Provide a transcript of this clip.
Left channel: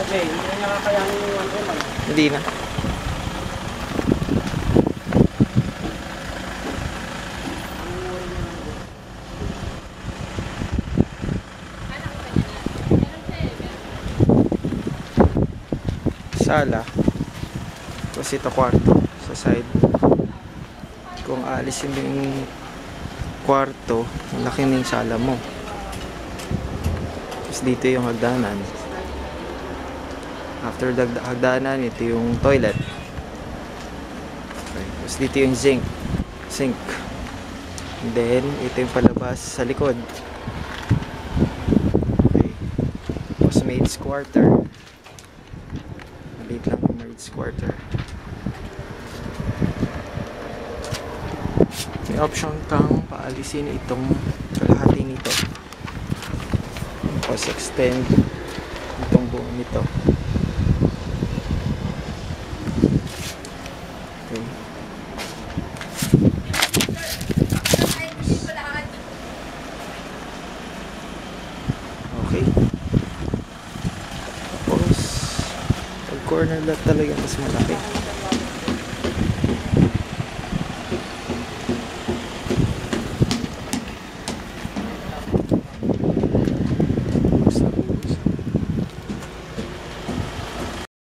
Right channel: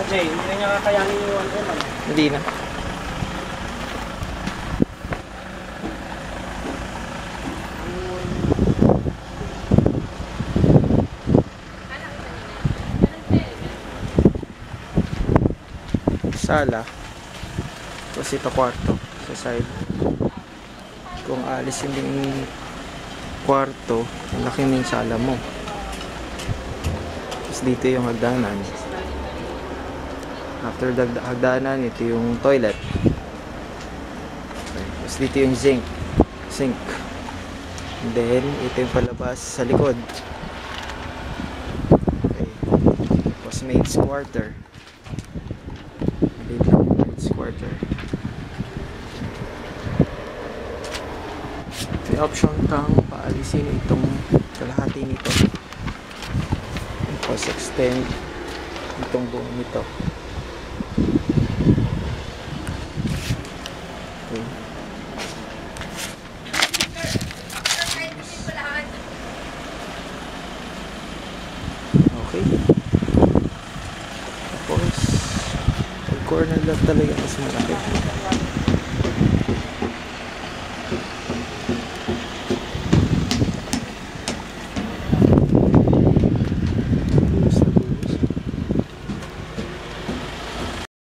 Okay, hindi na niya kakayanin yung 1M ano? Hindi na. Sala. Tapos ito kwarto sa side. Kung alisin din yung kwarto, ang laki na yung sala mo. Tapos dito yung hagdanan. After hagdanan, ito yung toilet. Okay. Tapos dito yung sink. And then, ito yung palabas sa likod. Okay. Tapos maid's quarter. Maliit lang yung maid's quarter. May option kang paalisin itong kalahati nito. Tapos extend itong buong nito. Okay. Okay. Tapos pag corner lot talaga mas malaki.